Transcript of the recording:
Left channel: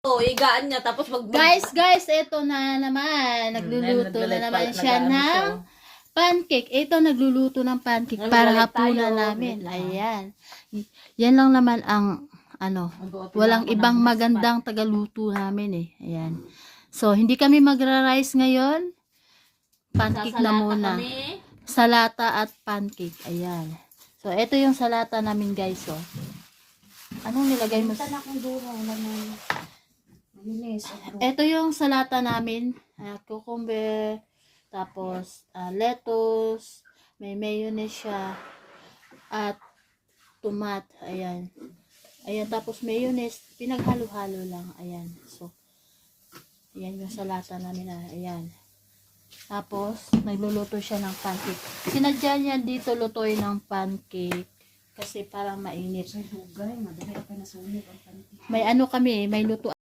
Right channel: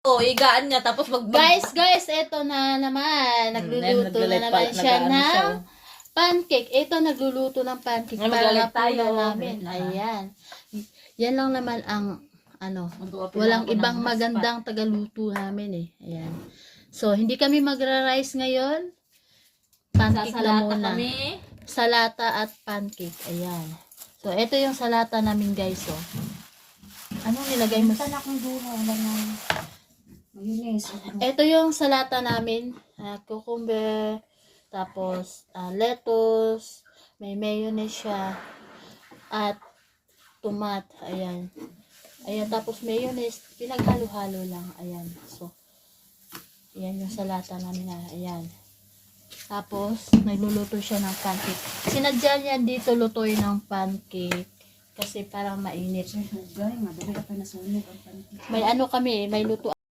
Higaan niya tapos Guys, eto na naman. Nagluluto na naman siya ng pancake. Ito, nagluluto ng pancake para hapunan namin. Ayan. Yan lang naman ang, walang ibang magandang tagaluto namin eh. Ayan. So, hindi kami magra-rice ngayon. Pancake na muna. Salata at pancake. Ayan. So, ito yung salata namin guys. Oh. Anong nilagay mo? Ito yung salata namin. Cucumber, tapos lettuce, may mayonnaise siya, at tomat. Ayan. Ayan, tapos mayonnaise, pinaghalo-halo lang. Ayan. So, ayan yung salata namin. Ayan. Tapos, nagluluto siya ng pancake. Sinadya niya dito lutoy ng pancake. Kasi parang mainit. May ano kami, may luto.